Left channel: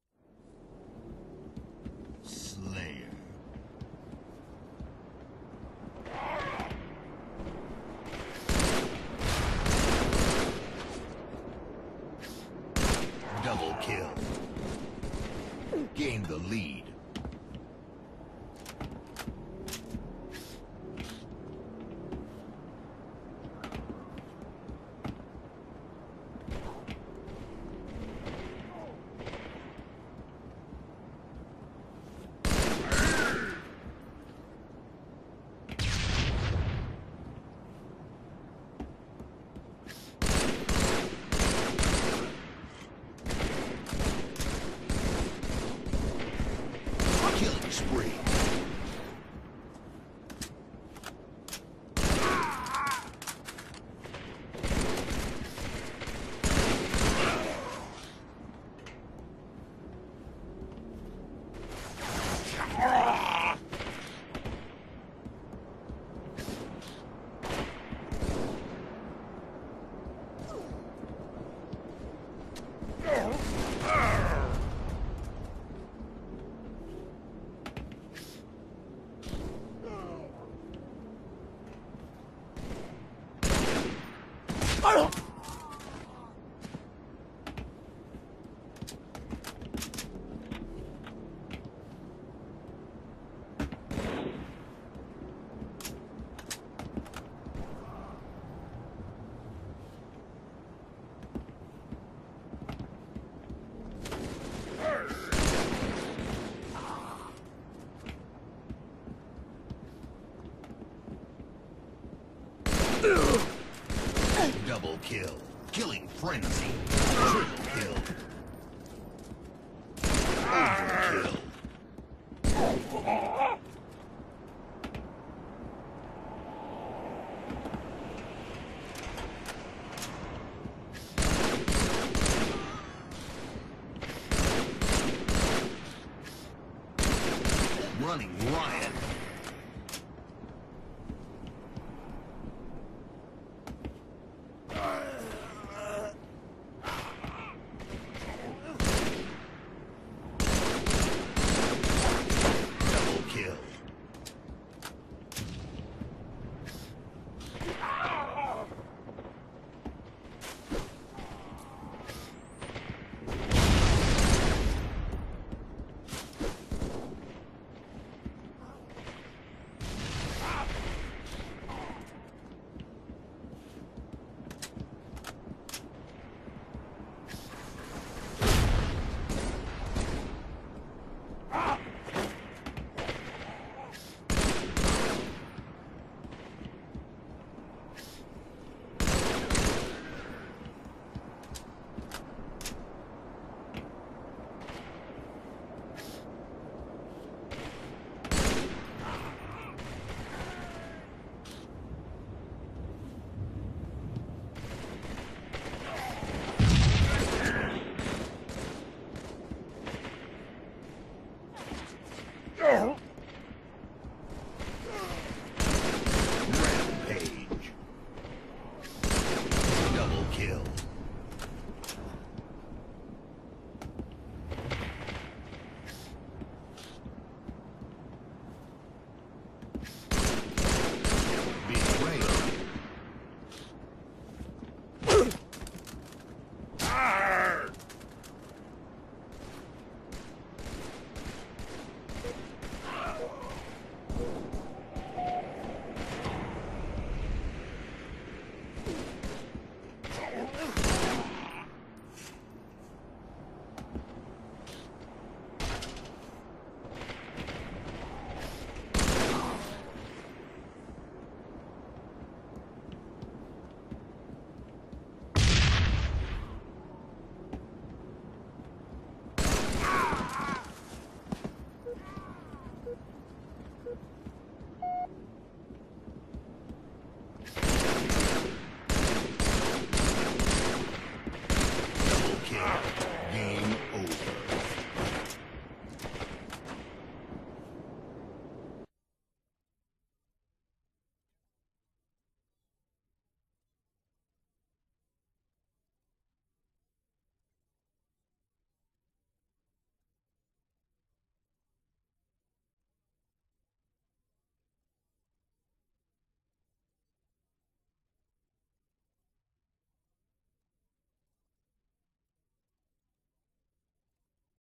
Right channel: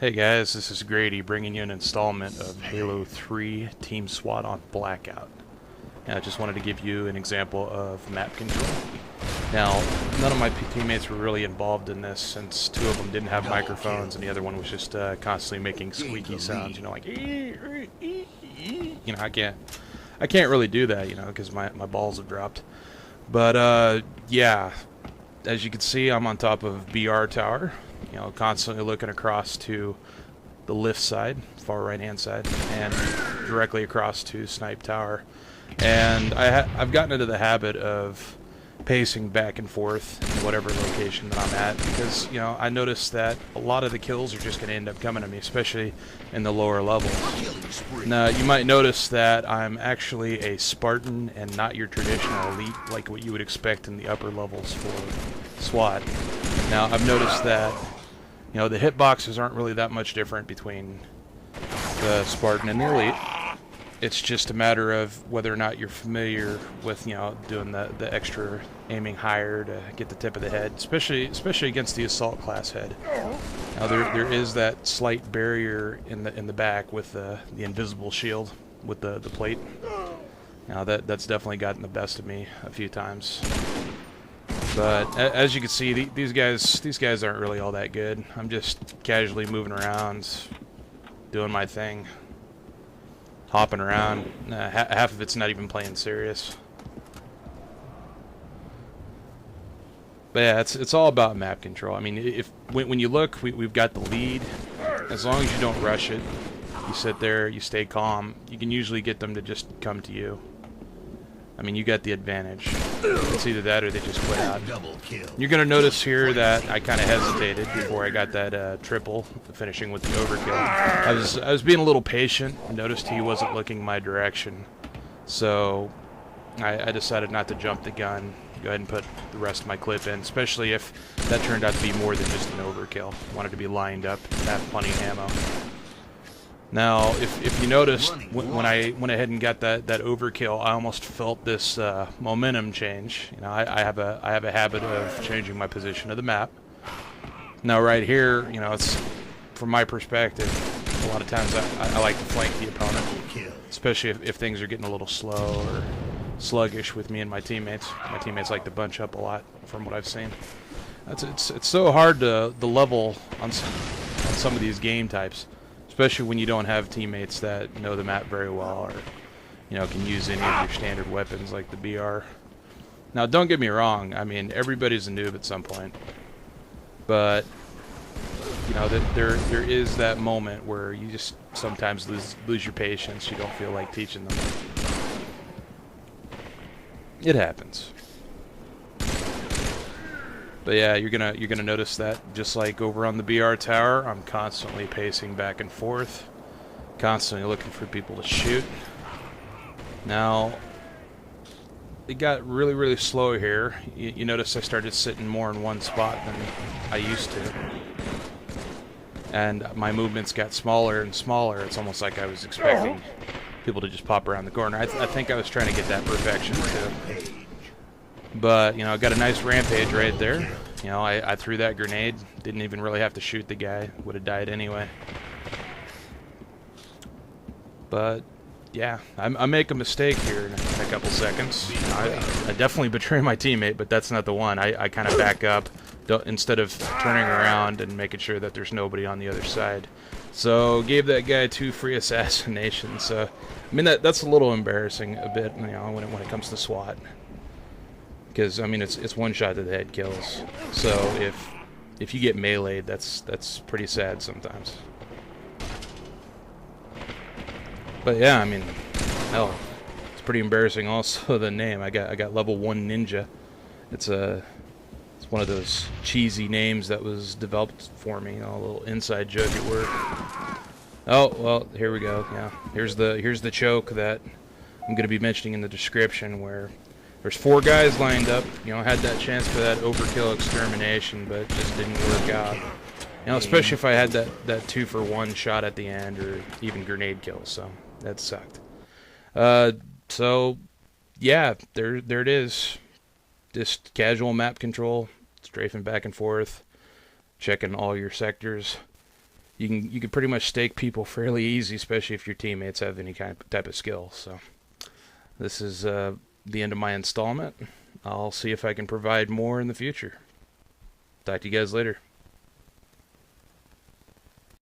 Hey guys, this is Grady bringing you an installment of Halo 3 Team SWAT on Blackout. And I just wanted to give you an example of map control. Now, none of my teammates were really involved in this since two of them didn't have microphones and the other one was just constantly making squeaky sounds, like I can't really do that, because my balls have dropped. But yeah, as you can see, I'm on top of BR Tower, constantly looking across to the lift side, far right hand side, and directly across to Snipe Tower. And I've gotten into the habit of pacing back and forth in whatever location I'm at, because I noticed that a lot of the kills are just going to end up coming to me, especially in the lower levels. Now you might notice that I'm actually a Spartan and not your traditional elite like what you would expect in the upper levels for SWAT. Now I've noticed that the hitboxes aren't really that much different between the Spartan and the elite. It's just a matter of whether or not you're familiar with, doing the extra aiming higher to get the tip of the head, especially against the assault class head. Now, there is that slight barrier in the back with the invisible shield with the plate. Now that's definitely gotten the best of me a few times. But as you can see, these guys aren't really all that good. I'm just casually moving around, doing my thing. Hopping around. Half of it's not even playing serious. But yeah, it's all about map control. I mean, when you look, we've got the lead. As long as you don't rush it, you sit there, you stay calm, you can usually get them to just come to you. I mean, you got the advantage. It's either that or they just play out. You're going to notice here that I kind of hesitated before I got that triple, finishing with the overkill. I was being a little patient. I noticed he wasn't looking my direction. So I decided not to jump the gun. Go ahead and put the rest of my clip in, especially if that turned out to be more than just an overkill. I wanted to be lined up and have plenty of ammo. Now, if you noticed, when I went ahead and got that overkill, I almost felt this momentum change. I have a habit of changing my position of the map. Now, right here, it's from my perspective. A lot of times I like to flank the opponent, especially if things are getting a little slow or sluggish with me and my teammates. My teammates like to bunch up a lot, from what I've seen. It's so hard to level on some of these game types. Especially when you don't have teammates that know the map very well or, can use any of your standard weapons like the BR. Now, don't get me wrong. I mean, everybody's a noob at some point. But, there is that moment where you just sometimes lose your patience. You don't feel like teaching them. It happens. But yeah, you're gonna notice that just like over on the BR tower, I'm constantly pacing back and forth, constantly looking for people to shoot. Now, it got really slow here. You notice I started sitting more in one spot than I used to, and my movements got smaller and smaller. It's almost like I was expecting people to just pop around the corner. I think I was trying to get that perfection right. But, I got a nice rampage right there. I threw that grenade. Didn't even really have to shoot the guy. Would have died anyway. But, yeah, I make a mistake here in a couple seconds. I definitely betray my teammate, but that's not the one. I kind of back up instead of turning around and making sure that there's nobody on the other side. So, gave that guy 2 free assassinations. So, I mean, that's a little embarrassing a bit, when it comes to SWAT. Because, I mean, it's one shot to the head kills. So if you get meleeed, that's pretty sad sometimes. But yeah, I mean, hell, it's pretty embarrassing. Also, the name I got level 1 ninja. It's one of those cheesy names that was developed for me. A little inside joke at work. Oh well, here we go. Yeah, here's the choke that I'm gonna be mentioning in the description where. There's 4 guys lined up, had that chance for that overkill extermination, but it just didn't work out. Especially if I had that 2-for-1 shot at the end, or even grenade kill, so that sucked. So, yeah, there it is. Just casual map control, strafing back and forth, checking all your sectors. you can pretty much stake people fairly easy, especially if your teammates have any type of skill. So this is the end of my installment. I'll see if I can provide more in the future. Talk to you guys later.